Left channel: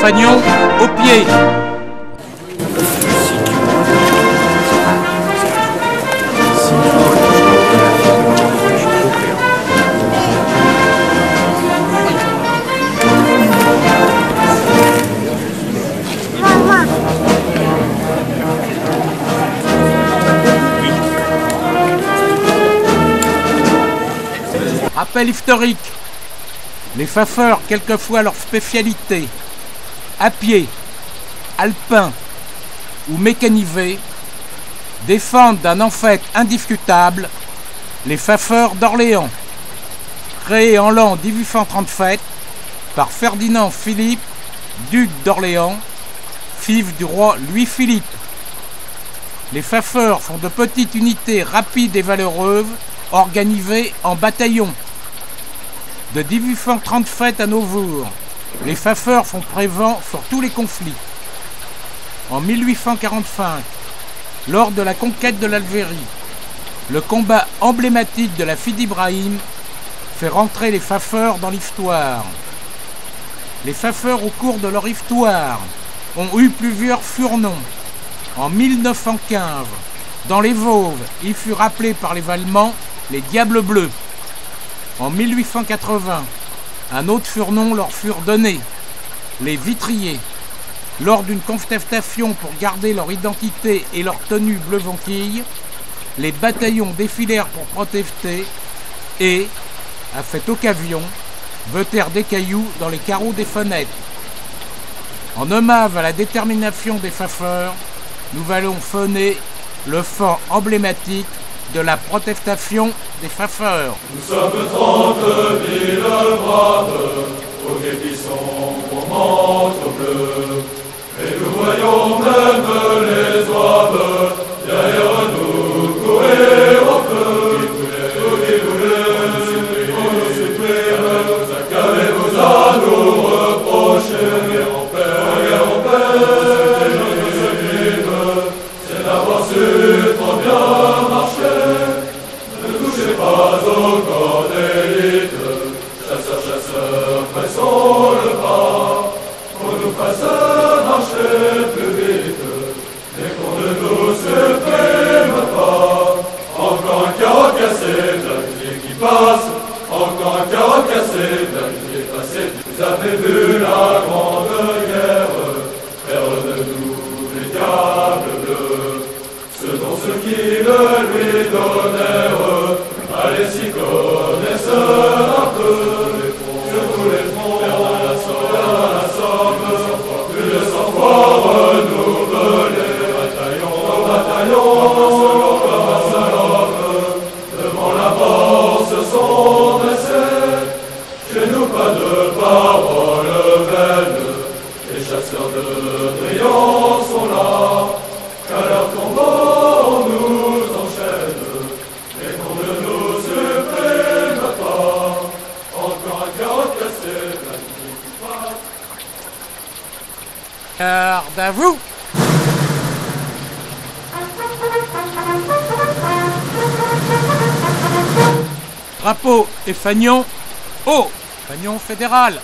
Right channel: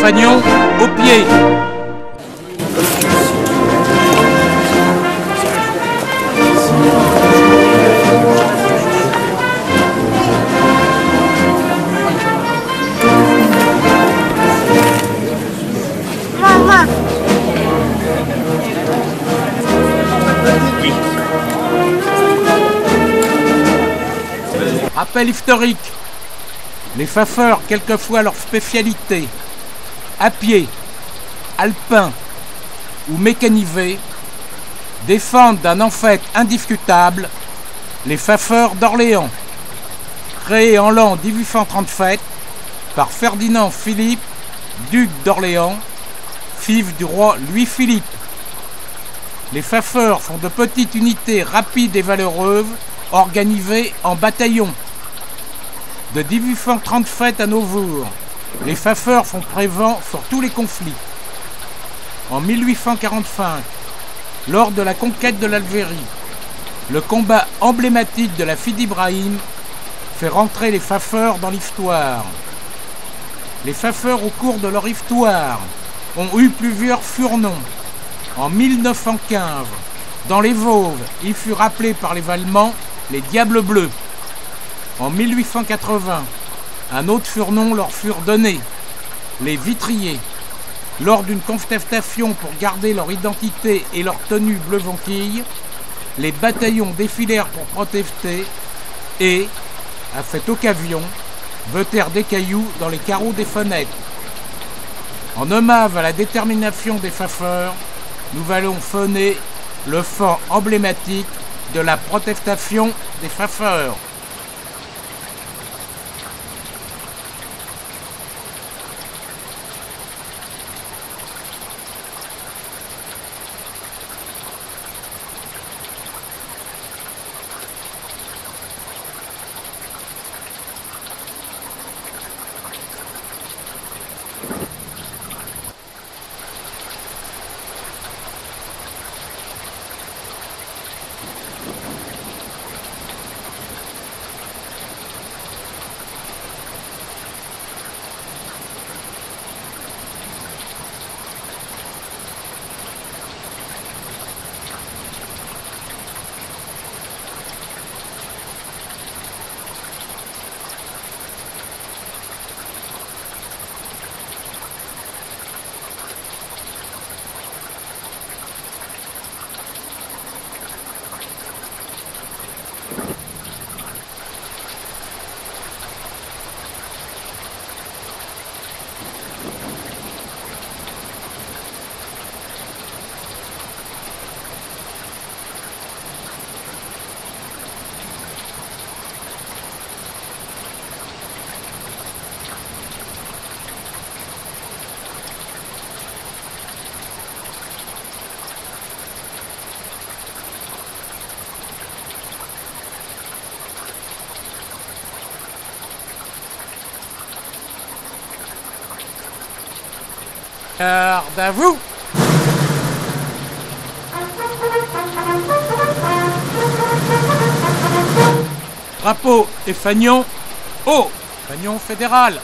fanion au pied. Rappel historique. Les fafeurs, quelquefois leur spécialité, à pied, alpin ou mécanisé, défendent d'un en fait indiscutable les fafeurs d'Orléans, créés en l'an 1837 par Ferdinand Philippe, duc d'Orléans, fils du roi Louis-Philippe. Les fafeurs sont de petites unités rapides et valeureuses organisées en bataillons. De 1837 à nos jours, les fafeurs sont présents sur tous les conflits. En 1845, lors de la conquête de l'Algérie, le combat emblématique de la Fidi Ibrahim fait rentrer les fafeurs dans l'histoire. Les fafeurs, au cours de leur histoire, ont eu plusieurs surnoms. En 1915, dans les Vosges, ils furent appelés par les Allemands les Diables Bleus. En 1880, un autre surnom leur fut donné, les Vitriers. Lors d'une contestation pour garder leur identité et leur tenue bleu vanquille, les bataillons défilèrent pour protester et, à cette occasion, jetèrent des cailloux dans les carreaux des fenêtres. En hommage à la détermination des fafeurs, nous allons sonner le chant emblématique de la protestation des fafeurs. Nous sommes 30 000 braves, aux défissons pour manteau bleu, et nous voyons même les oives derrière nous courir au feu. Qu'avez-vous à nous reprocher? C'est d'avoir su trop bien marcher. Ne touchez pas au corps d'élite, chasseurs, pressons le bras, qu'on nous fasse marcher plus vite, et qu'on ne nous supprime pas. Encore un carreau cassé, bien qui passe, encore un carreau cassé, bien qui est passé. Vous avez vu la grande guerre, faire de nous les diables bleus, ce dont ceux qui le lui donnèrent. Allez, s'y connaissent un peu, sur tous les fronts, la somme, plus de 100 fois renouvelés, bataillon, devant la mort se sont dressés. Chez nous pas de paroles vaines, les chasseurs de brillants sont là, qu'à leur combat on nous enchaîne. Garde à vous! Drapeau et fanion haut! Fanion fédéral,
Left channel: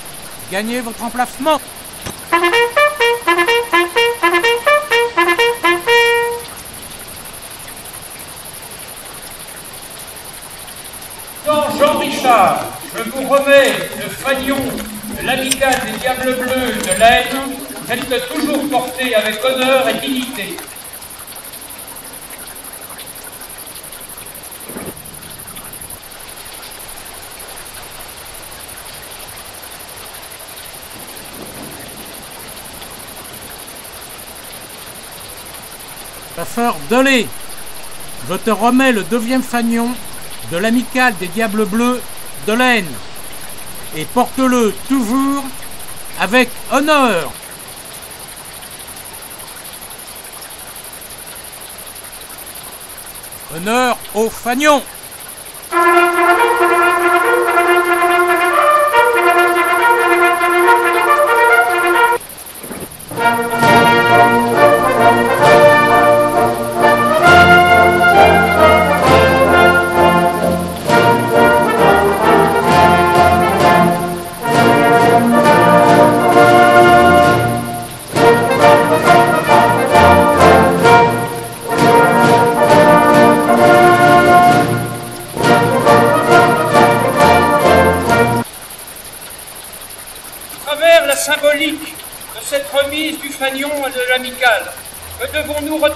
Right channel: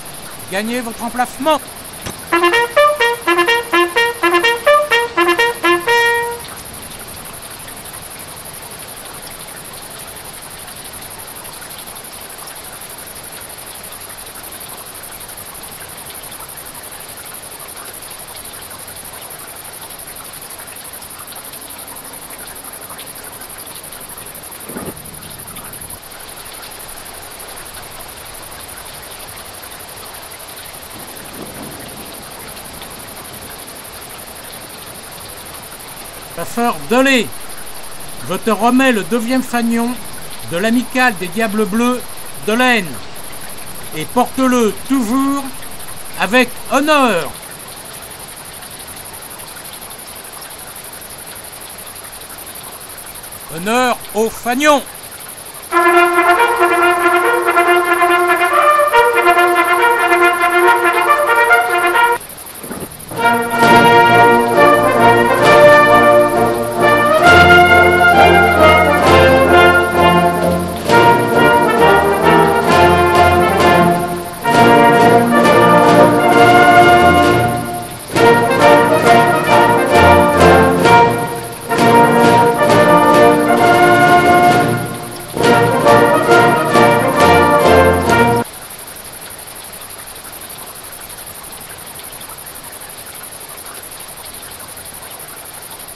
gagnez votre emplacement! Jean Richard, je vous remets le fanion de l'amicale des Diables Bleus de l'Aisne, tel que toujours porté avec honneur et dignité. Fafeur Delay, je te remets le 2e fanion de l'amicale des Diables Bleus de l'Aisne et porte-le toujours avec honneur. Honneur au fanion.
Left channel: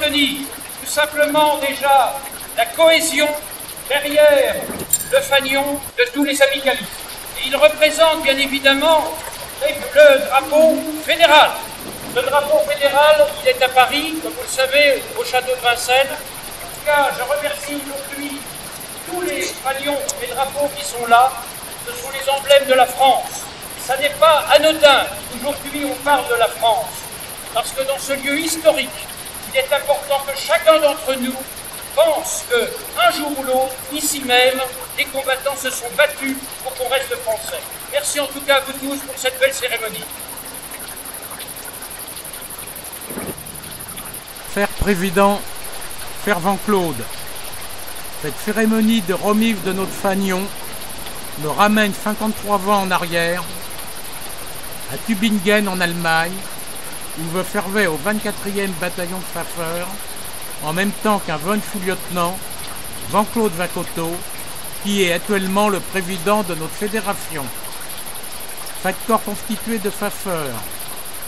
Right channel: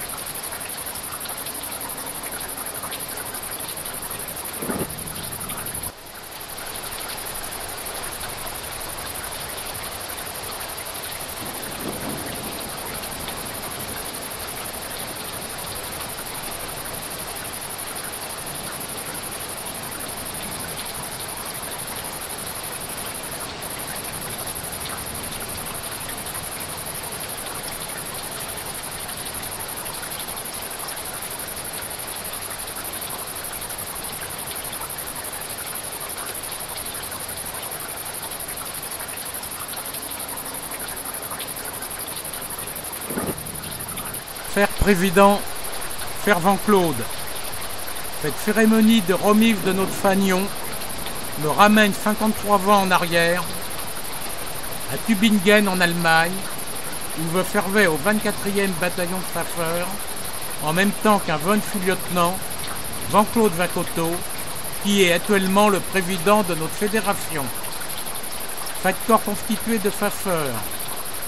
cérémonie, tout simplement déjà la cohésion derrière le fanion de tous les amicalistes. Il représente bien évidemment le drapeau fédéral. Le drapeau fédéral, il est à Paris, comme vous le savez, au château de Vincennes. En tout cas, je remercie aujourd'hui tous les fanions, les drapeaux qui sont là. Ce sont les emblèmes de la France. Ça n'est pas anodin. Aujourd'hui, on parle de la France. Parce que dans ce lieu historique, il est important que chacun d'entre nous pense qu'un jour ou l'autre, ici même, les combattants se sont battus pour qu'on reste français. Merci en tout cas à vous tous pour cette belle cérémonie. Faire président, fervent Claude. Cette cérémonie de remise de notre fanion me ramène 53 ans en arrière, à Tübingen en Allemagne, où je servais au 24e bataillon de Pfeffer, en même temps qu'un von sous-lieutenant, Jean-Claude Vacoteau, qui est actuellement le président de notre fédération. Chaque corps constitué de Pfeffer,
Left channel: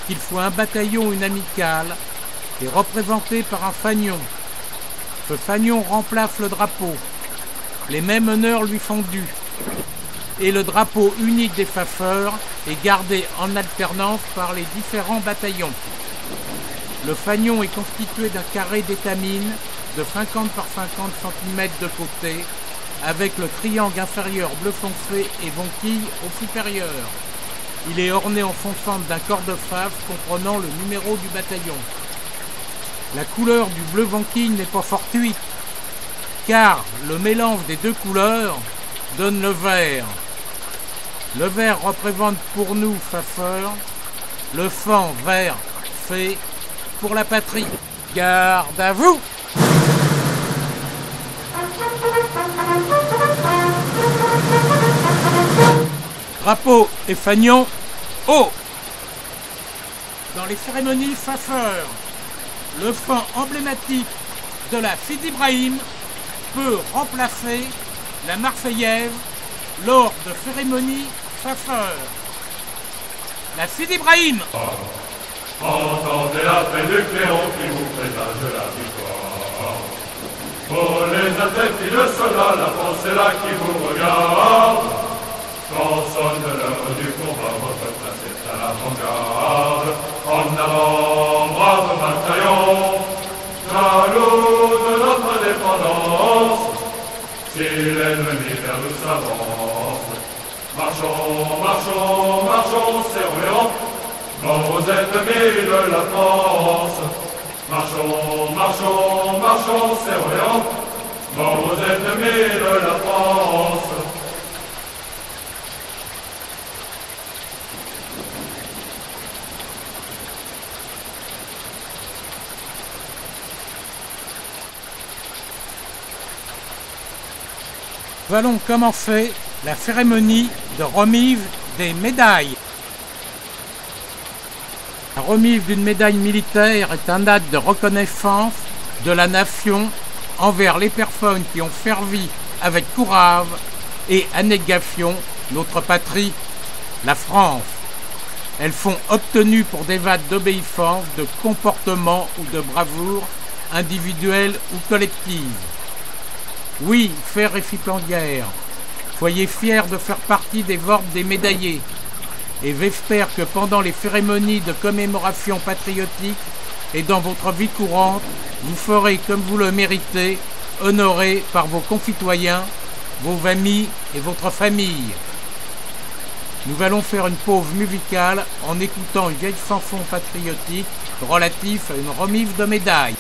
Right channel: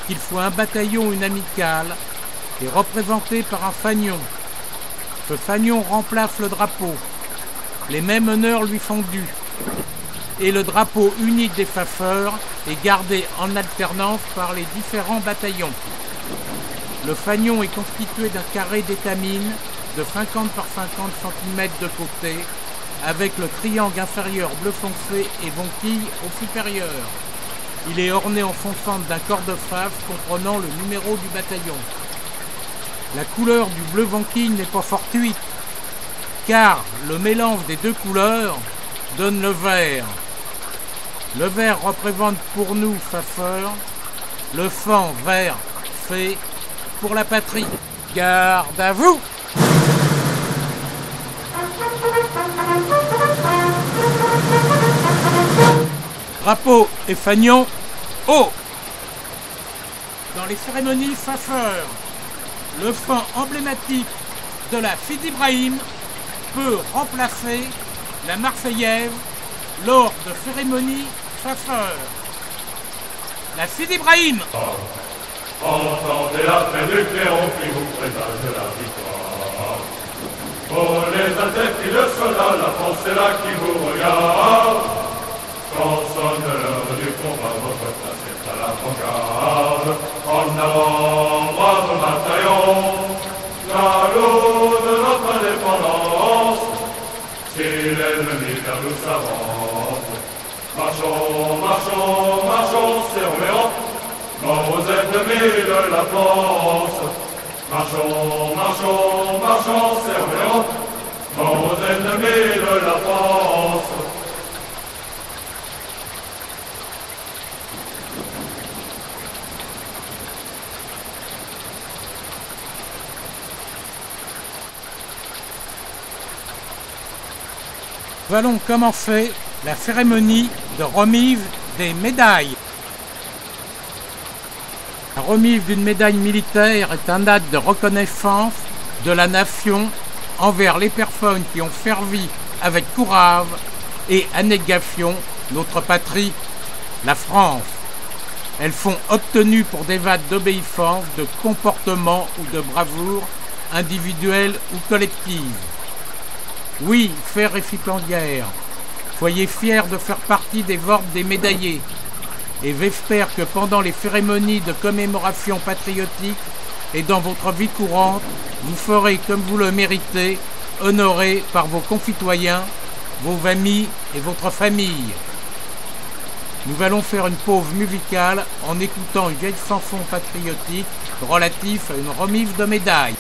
qu'il soit un bataillon ou une amicale, est représenté par un fanion. Ce fanion remplace le drapeau. Les mêmes honneurs lui sont dus. Et le drapeau unique des Pfeffer est gardé en alternance par les différents bataillons. Le fanion est constitué d'un carré d'étamine de 50 par 50 cm de côté, avec le triangle inférieur bleu foncé et bonquille au supérieur. Il est orné en fond centre d'un corps de fave comprenant le numéro du bataillon. La couleur du bleu bonquille n'est pas fortuite, car le mélange des deux couleurs donne le vert. Le vert représente pour nous, Pfeffer, le fond vert fait pour la patrie. Garde à vous! Drapeau et fanion, haut! Dans les cérémonies Pfeffer, le fond emblématique de la Fidi Ibrahim peut remplacer la Marseillaise lors de cérémonies Pfeffer. La Fidi Ibrahim! Entendez l'appel du clairon qui vous présage la victoire. Pour les intrépides soldats, la France est là qui vous regarde. Quand sonne l'heure du combat, votre place est à l'avant-garde. En avant, brave bataillon, jaloux de notre indépendance. Si l'ennemi vers nous s'avance, marchons, marchons, marchons, serrons les rangs. Mort aux ennemis de la France. Marchons, marchons, marchons, serrons les rangs. Mort aux ennemis de la France. Nous allons commencer la cérémonie de remise des médailles. La remise d'une médaille militaire est un acte de reconnaissance de la nation envers les personnes qui ont servi avec courage et abnégation notre patrie, la France. Elles sont obtenues pour des actes d'obéissance, de comportement ou de bravoure individuelle ou collective. Oui, chers récipiendaires, soyez fiers de faire partie des ordres des médaillés. Et j'espère que pendant les cérémonies de commémoration patriotique et dans votre vie courante, vous ferez comme vous le méritez, honoré par vos concitoyens, vos amis et votre famille. Nous allons faire une pause musicale en écoutant une vieille chanson patriotique relative à une remise de médailles.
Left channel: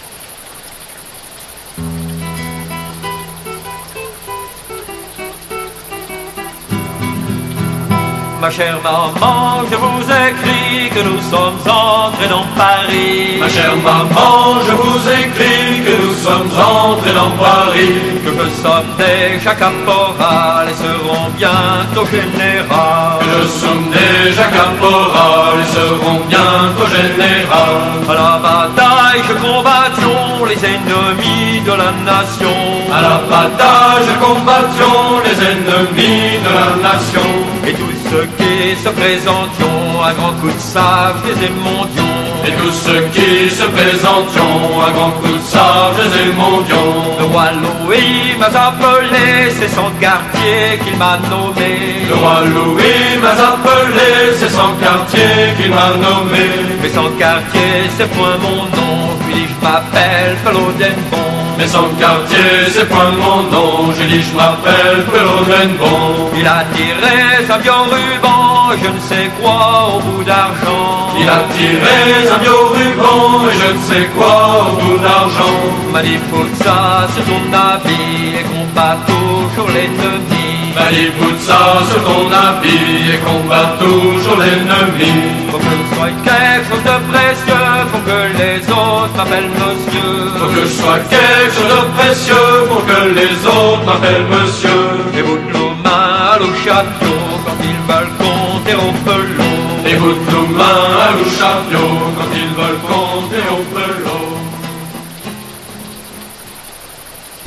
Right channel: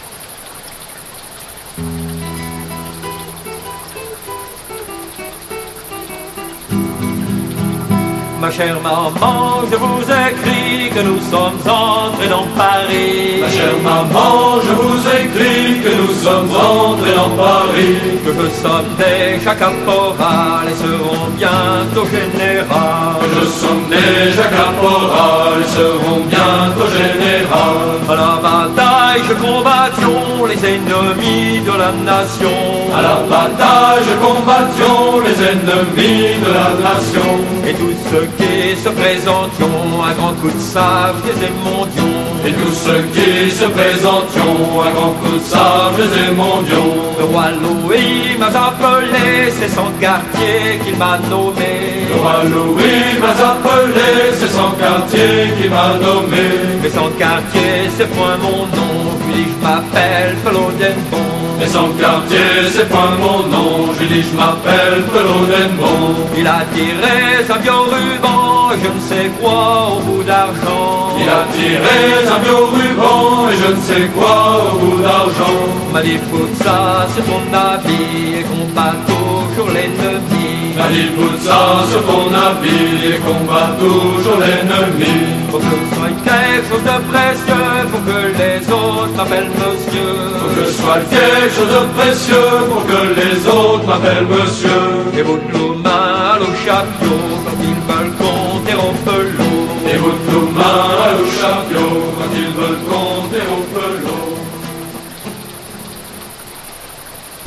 Ma chère maman, je vous écris que nous sommes entrés dans Paris. Ma chère maman, je vous écris que nous sommes entrés dans Paris. Que nous sommes déjà caporal et serons bientôt général. Que nous sommes déjà caporal et serons bientôt général. À la bataille que combattions les ennemis de la nation. À la bataille combattions les ennemis de la nation. Et tous ceux qui se présentions à grands coups de sabre et mondions. Et tous ceux qui se présenteront, un grand coup de sable et mondiaux. Le roi Louis m'a appelé, c'est son quartier qu'il m'a nommé. Le roi Louis m'a appelé, c'est son quartier qu'il m'a nommé. Mais son quartier, c'est point mon nom, je lui dis je m'appelle Pelodenbon. Mais son quartier, c'est point mon nom, je dis je m'appelle Pelodenbon. Il a tiré sa vieux ruban, je ne sais quoi au bout d'argent. Il a tiré un vieux ruban, et je ne sais quoi au bout d'argent. M'a dit fout ça sur ton habit et combat toujours l'ennemi. M'a dit fout ça sur ton habit et combat toujours l'ennemi. Faut que je sois quelque chose de précieux, faut que les autres m'appellent monsieur. Faut que je sois quelque chose de précieux pour que les autres m'appellent monsieur. Et vous de main à l'eau chapio quand ils veulent compter au pelot. Et vous de main à l'eau chapio quand ils veulent compter au pelot.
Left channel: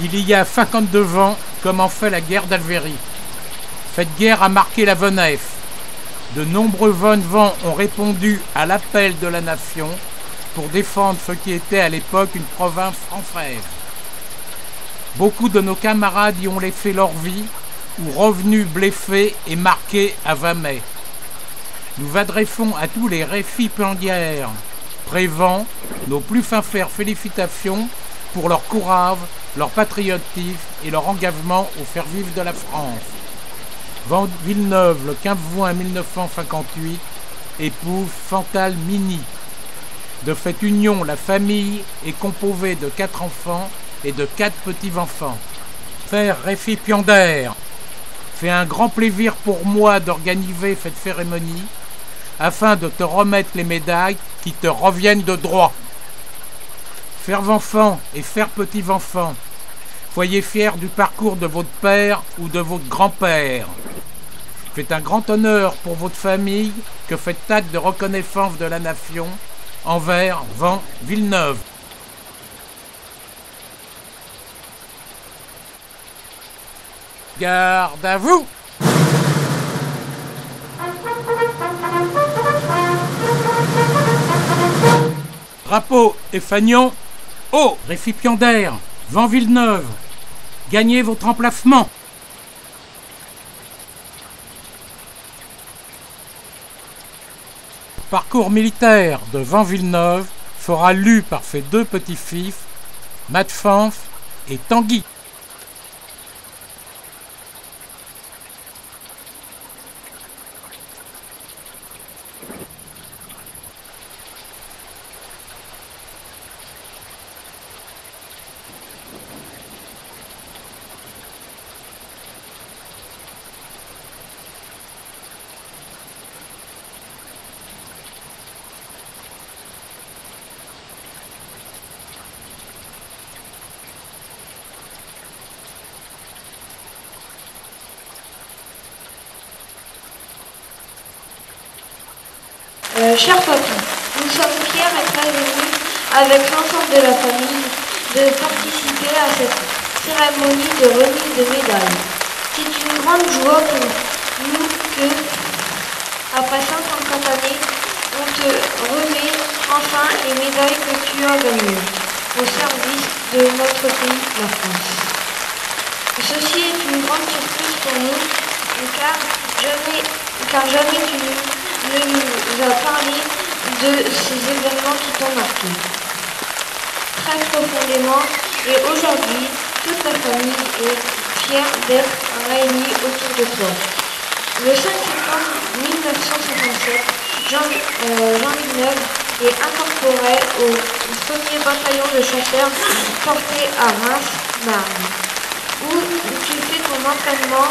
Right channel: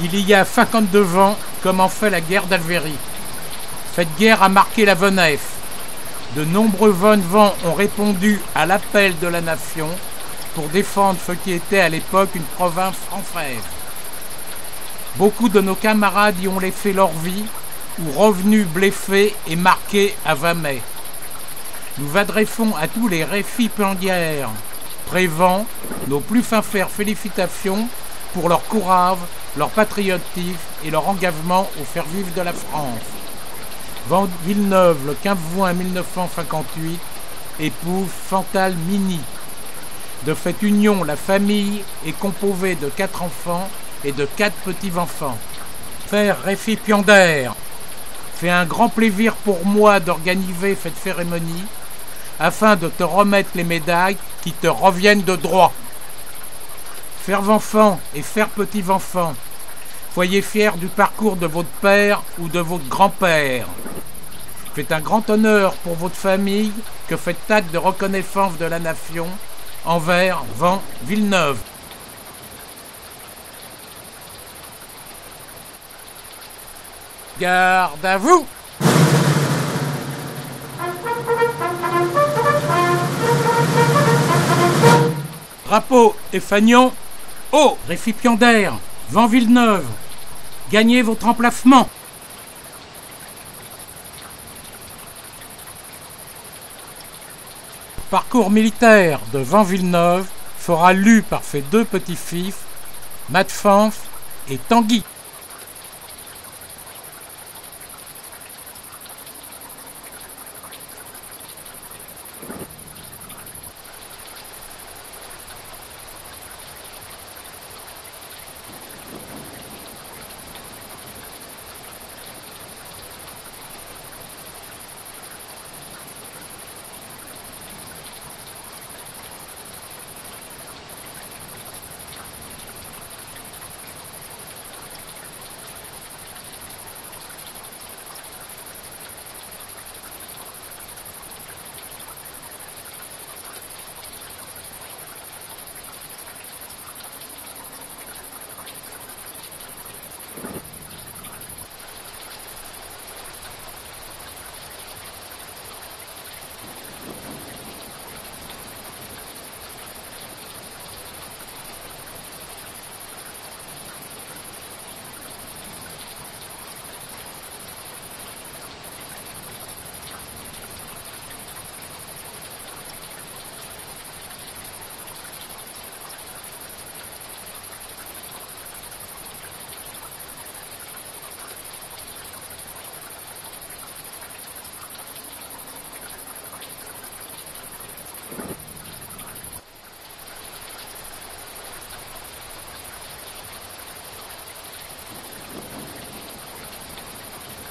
Il y a 52 ans, comment fait la guerre d'Algérie. Cette guerre a marqué la Venef. De nombreux vents ont répondu à l'appel de la nation pour défendre ce qui était à l'époque une province française. Beaucoup de nos camarades y ont laissé leur vie ou revenus blessés et marqués à jamais. Nous adressons à tous les récipiendaires présents nos plus sincères félicitations pour leur courage, leur patriotisme et leur engagement au service de la France. Van Villeneuve, le 15 juin 1958, épouse Chantal Mini. De cette union, la famille est composée de 4 enfants et de 4 petits-enfants. Père récipiendaire, c'est un grand plaisir pour moi d'organiser cette cérémonie afin de te remettre les médailles qui te reviennent de droit. Chers enfants et chers petits-enfants, soyez fiers du parcours de votre père ou de votre grand-père. C'est un grand honneur pour votre famille que cet acte de reconnaissance de la nation envers Van Villeneuve. Garde à vous! Drapeau et fanion, haut, récipiendaire, Van Villeneuve, gagnez votre emplacement. Parcours militaire de Van Villeneuve sera lu par ses 2 petits-fils, Mathfans et Tanguy. Cher papa, nous sommes fiers et très heureux, avec l'ensemble de la famille, de participer à cette cérémonie de remise de médailles. C'est une grande joie pour nous que, après 150 années, on te remet enfin les médailles que tu as gagnées au service de notre pays, la France. Ceci est une grande surprise pour nous, car jamais tu ne nous as parlé de ces événements qui t'ont marqué très profondément, et aujourd'hui, toute la famille est fière d'être réunie autour de toi. Le 5 septembre 1957, Jean Villeneuve est incorporé au 1er bataillon de chasseurs porté à Reims-Marne, où tu fais ton entraînement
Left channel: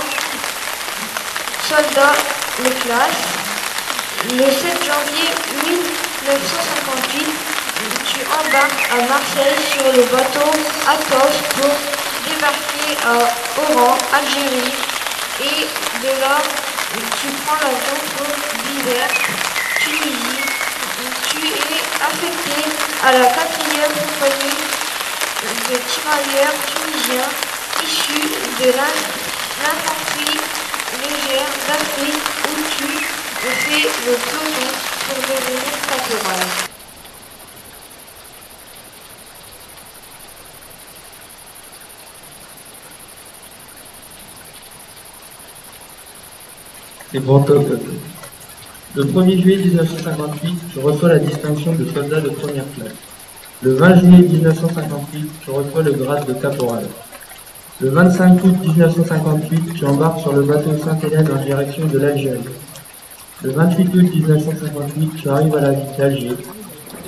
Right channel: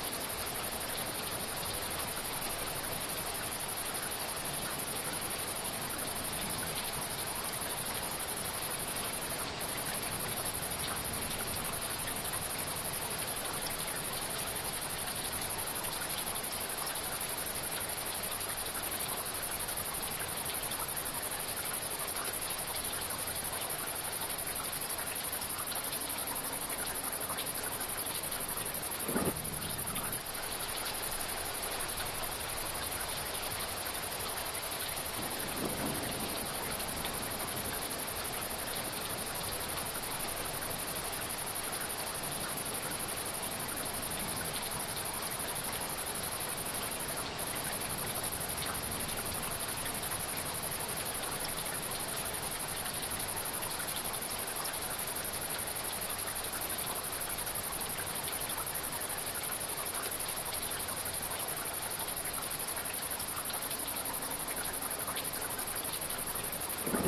soldat les classes. Le 7 janvier 1958, tu embarques à Marseille sur le bateau Athos pour débarquer à Oran, Algérie, et de là, tu prends l'avion pour l'hiver, Tunisie. Tu es affecté à la 4e compagnie de tirailleurs tunisiens issus de l'infanterie légère d'Afrique, où tu fais le peloton pour devenir caporal. et Brantôme. Le 1er juillet 1958, je reçois la distinction de soldat de première classe. Le 20 juillet 1958, je reçois le grade de caporal. Le 25 août 1958, j'embarque sur le bateau Sainte-Hélène en direction de l'Algérie. Le 28 août 1958, j'arrive à la ville d'Alger,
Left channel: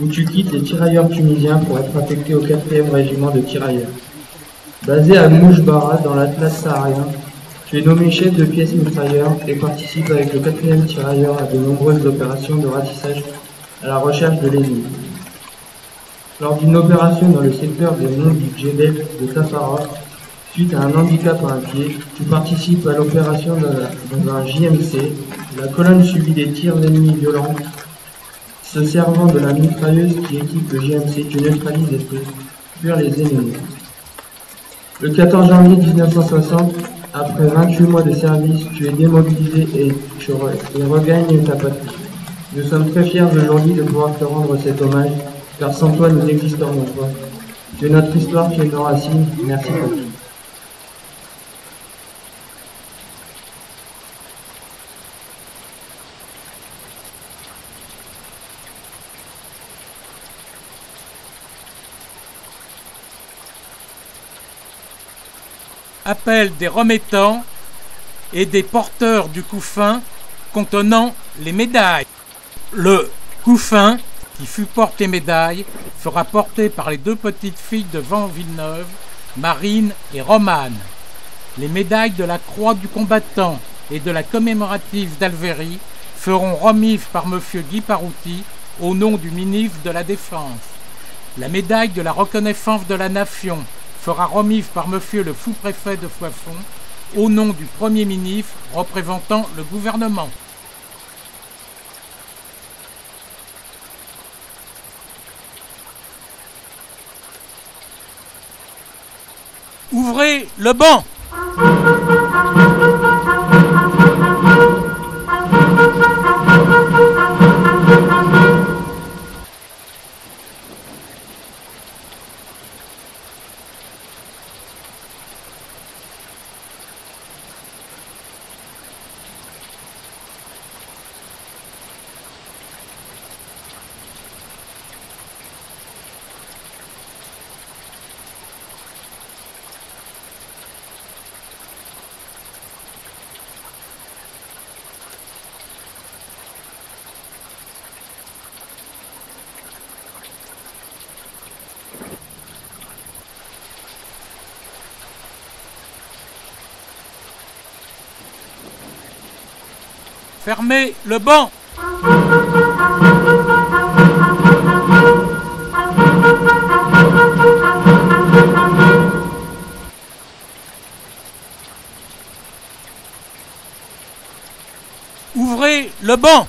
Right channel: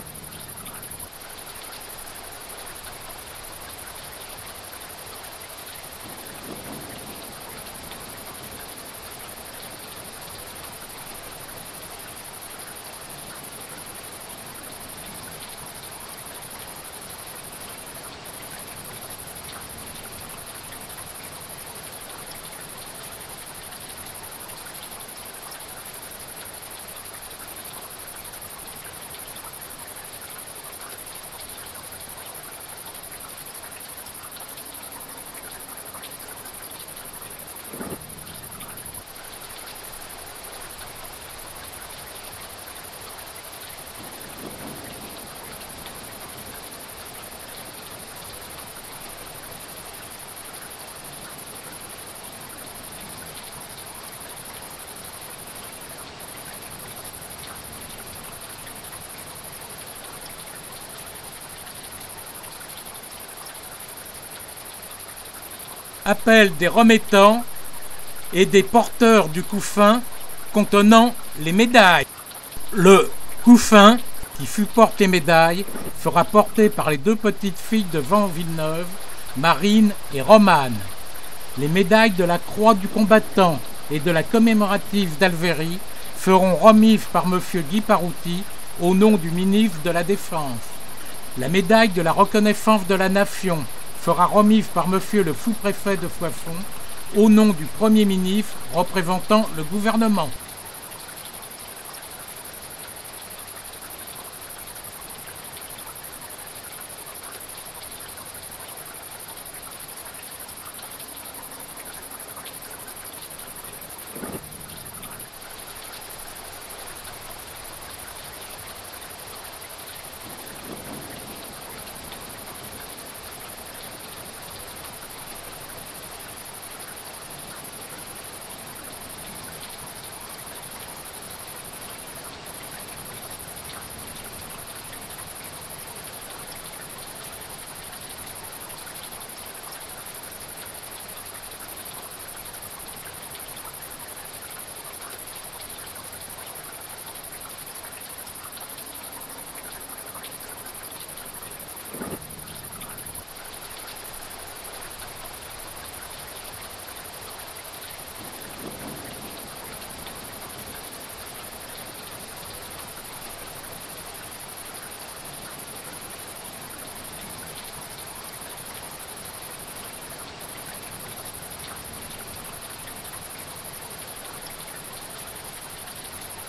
où tu quittes les tirailleurs tunisiens pour être affecté au 4e régiment de tirailleurs. Basé à Mouchbara, dans l'Atlas saharien, tu es nommé chef de pièce mitrailleur et participe avec le 4e tirailleur à de nombreuses opérations de ratissage à la recherche de l'ennemi. Lors d'une opération dans le secteur des monts du Djedel de Tafara, suite à un handicap à un pied, tu participes à l'opération dans un JMC. La colonne subit des tirs ennemis violents. Se servant de la mitrailleuse qui équipe le JMC, tu neutralises et fais fuir les ennemis. Le 14 janvier 1960, après 28 mois de service, tu es démobilisé et regagnes ta patrie. Nous sommes très fiers aujourd'hui de pouvoir te rendre cet hommage, car sans toi nous n'existerions pas. Tu es notre histoire, tu es nos racines. Merci beaucoup. Appel des remettants et des porteurs du couffin contenant les médailles. Le couffin qui fut porté médaille sera porté par les 2 petites filles de Van Villeneuve, Marine et Romane. Les médailles de la Croix du combattant et de la commémorative d'Alvérie seront remises par M. Guy Parouti au nom du ministre de la Défense. La médaille de la reconnaissance de la Nation sera remise par Monsieur le sous-préfet de Soissons au nom du Premier ministre représentant le gouvernement. Ouvrez le banc. Fermez le banc. Ouvrez le banc.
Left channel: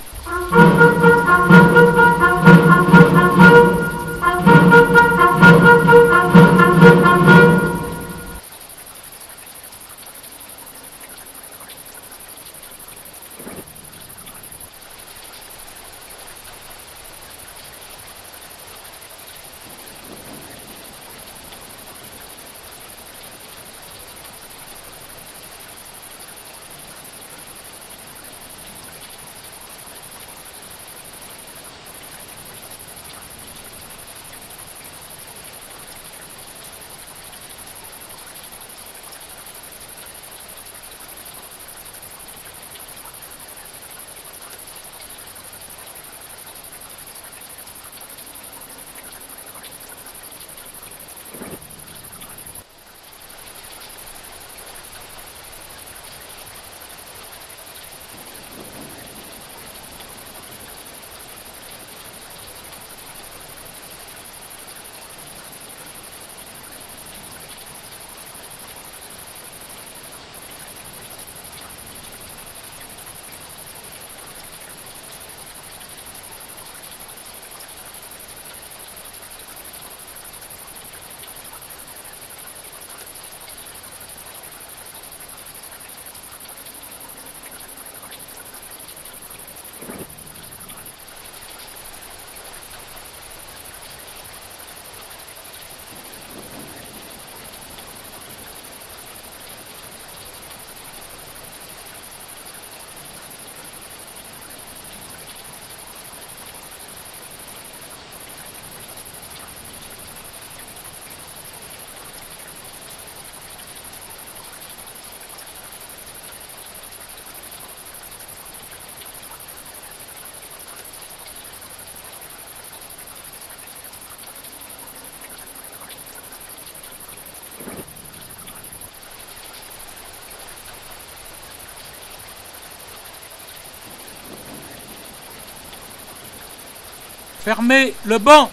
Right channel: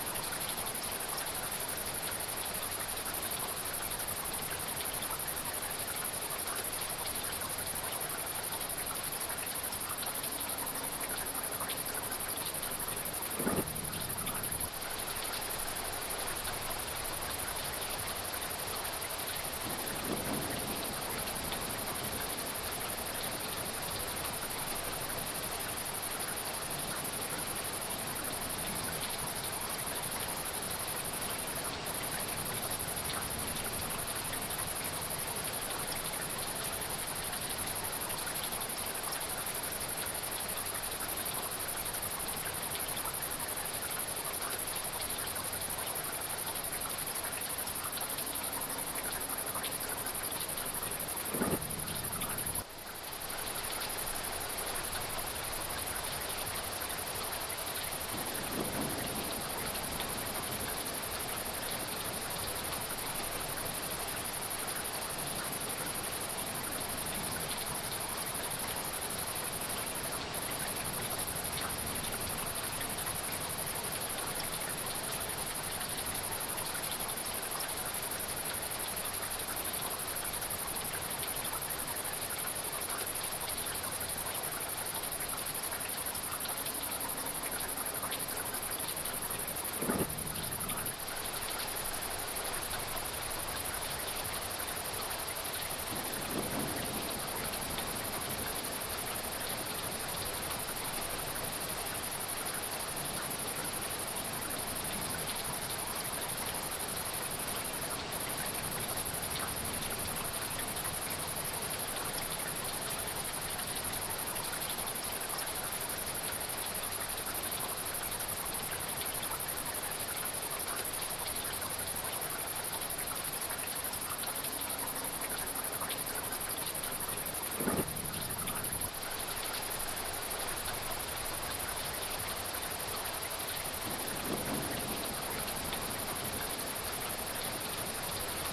Fermez le banc.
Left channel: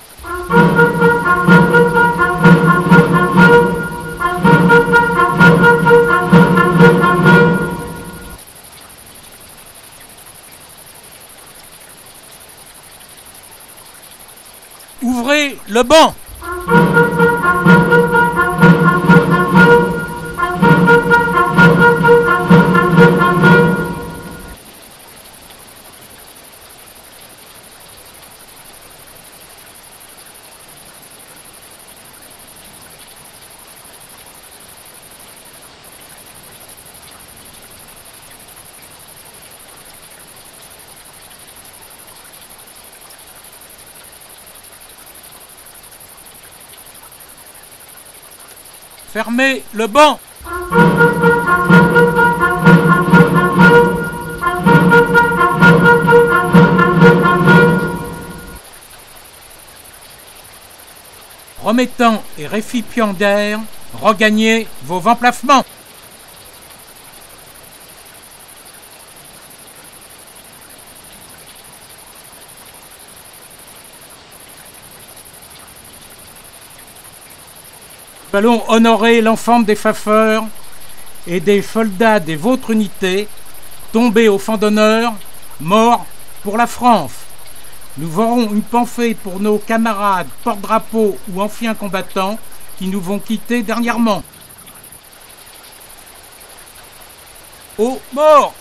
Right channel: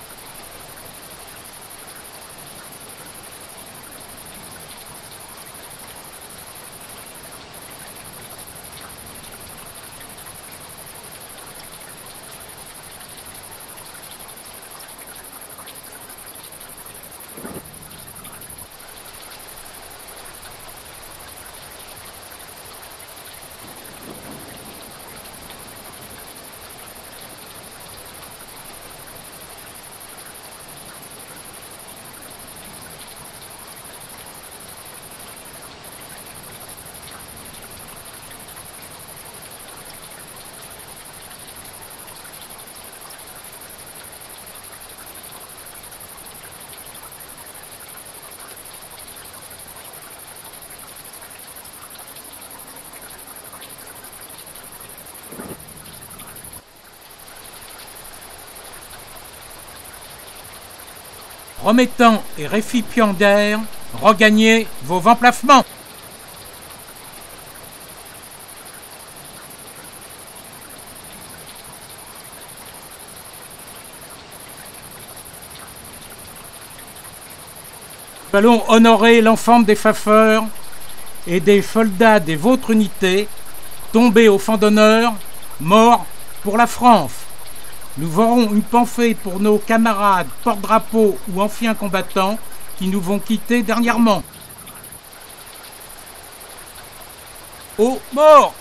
Ouvrez le banc. Fermez le banc. Remettants et récipiendaires, regagnez vos emplacements. Nous allons honorer l'ensemble des Pfaffeurs et des soldats des vôtres unités, tombés au fond d'honneur, morts pour la France. Nous aurons une pensée pour nos camarades porte-drapeaux ou anciens combattants qui nous ont quittés dernièrement. Aux morts!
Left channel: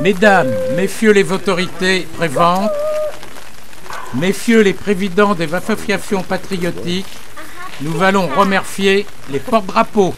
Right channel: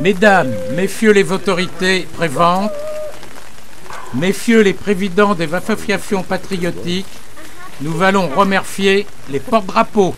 Mesdames, Messieurs les autorités présentes, Messieurs les présidents des associations patriotiques, nous allons remercier les porte-drapeaux.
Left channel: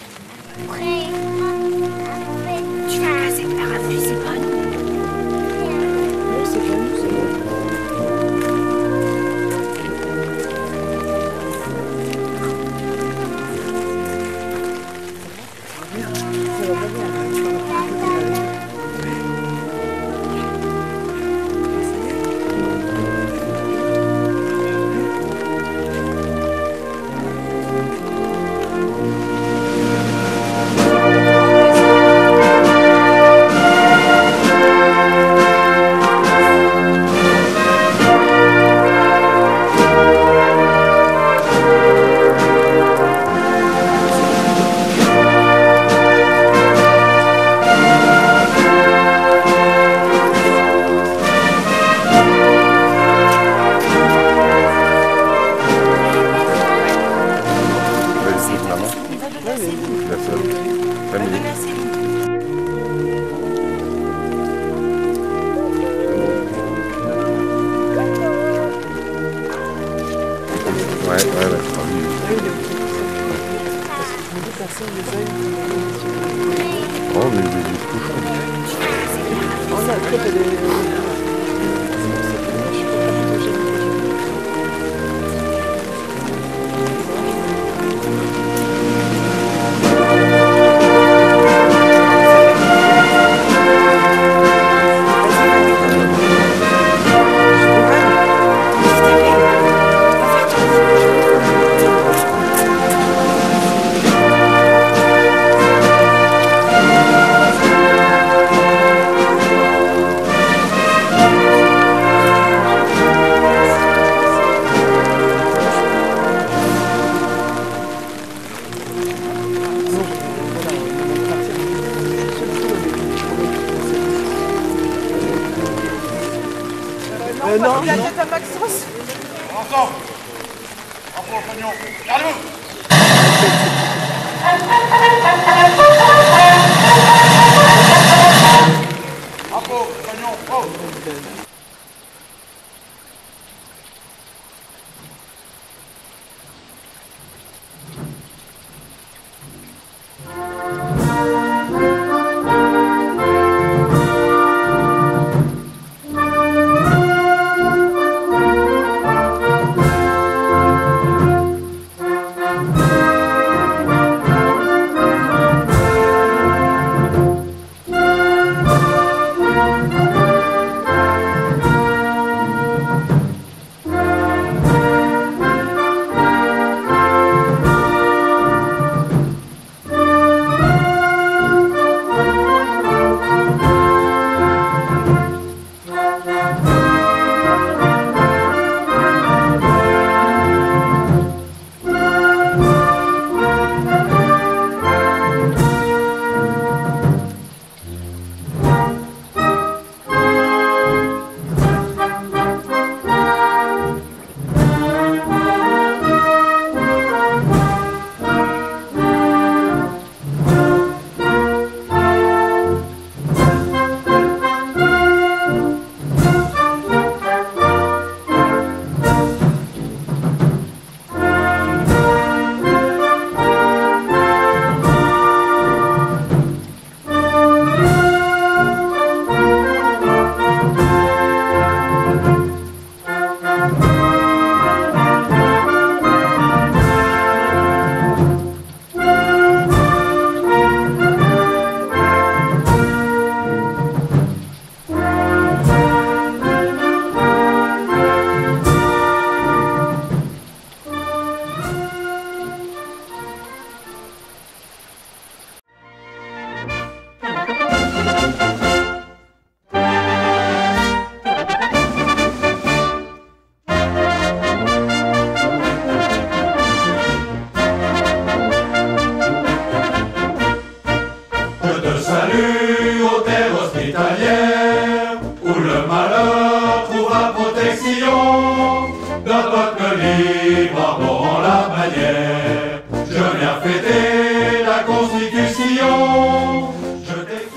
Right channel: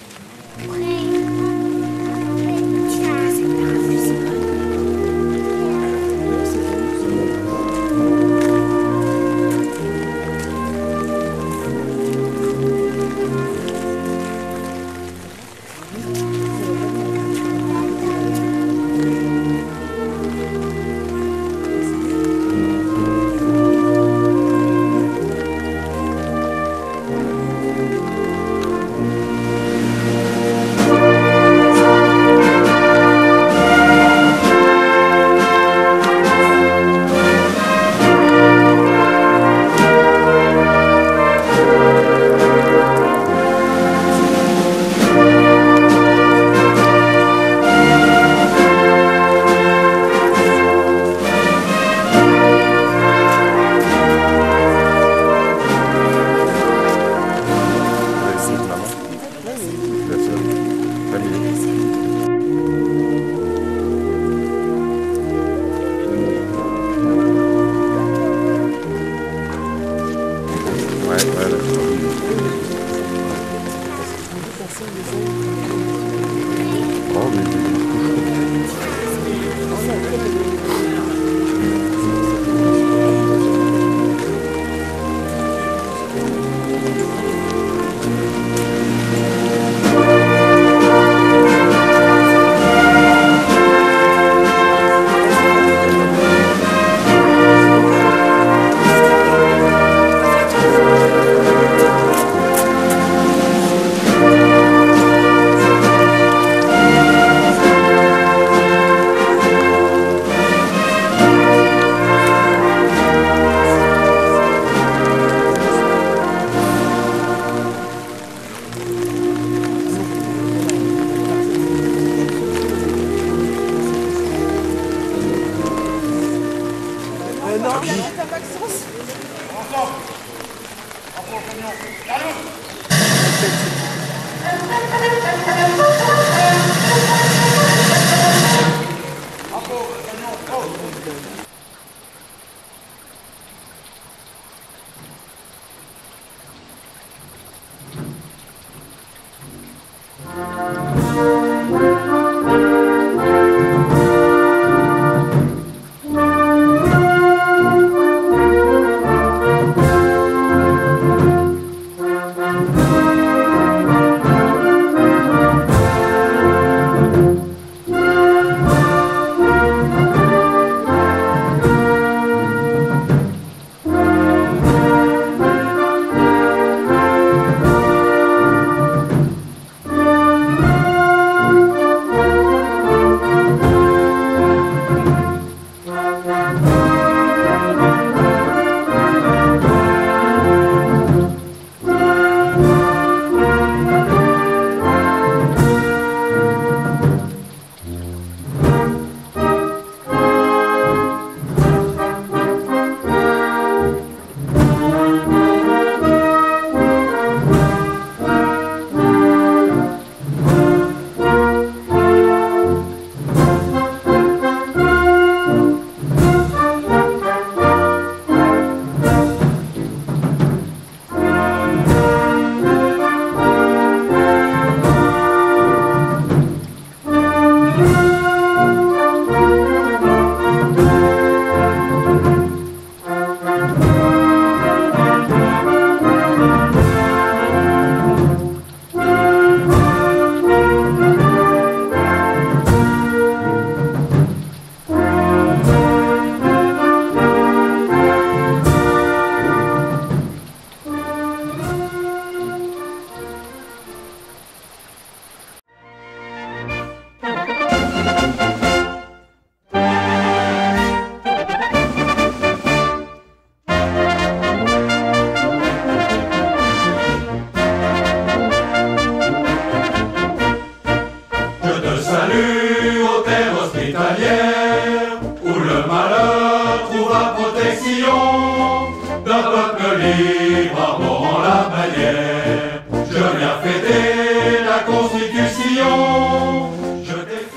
à Maxence. Ensemble. Bravo, Pagnon. Gardez-vous. Bravo, Pagnon. Bravo.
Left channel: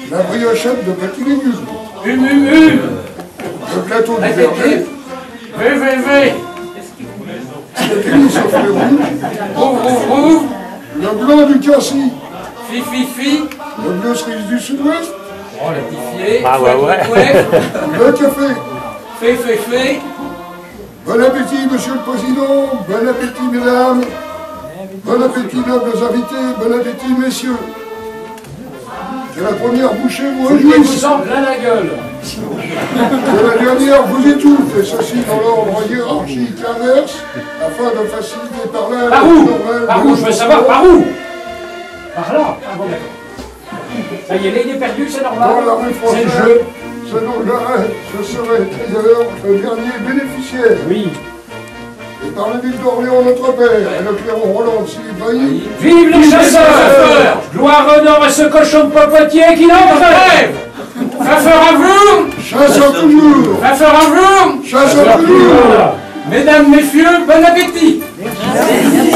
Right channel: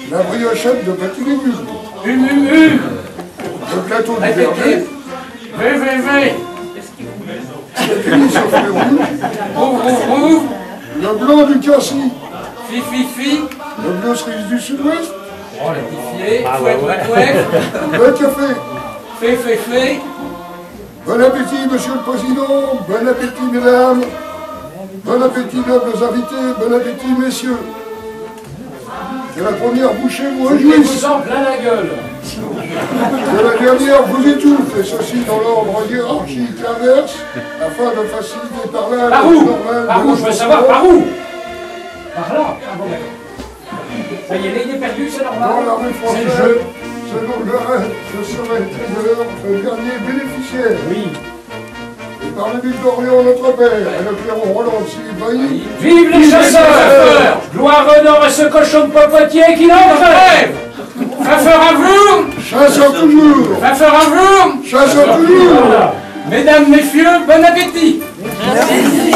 La briochette de petits légumes. Le plateau du verger. Le tennis au fruits rouges. Le blanc du cassis. Le bleu cerise du sud-ouest. Oh, la petite Le café. Bon appétit, monsieur le président. Bon appétit, mesdames. Bon appétit, nobles invités. Bon appétit, messieurs. Que la première bouchée vous réjouisse. vous en plein la gueule. Que la dernière vous étouffe, et ceci dans l'ordre hiérarchique inverse, afin de faciliter par là... Par où? Je veux savoir par où? Par là. Ah bon, d'accord. Ça y est, là, il est perdu, c'est normal. Dans la rue C'est le française, jeu. selon l'arrêt, je serai trader, le dernier bénéficiaire. Oui. Et par la ville d'Orléans, notre père, et le clairon Roland de Silibailly. Vive les chasseurs! Gloire, honneur à ce cochon de popotier qui n'entre! Chasseur à vous! Chasseur toujours! Chasseur à vous! Chasseur toujours! Mesdames, messieurs, bon appétit! Merci.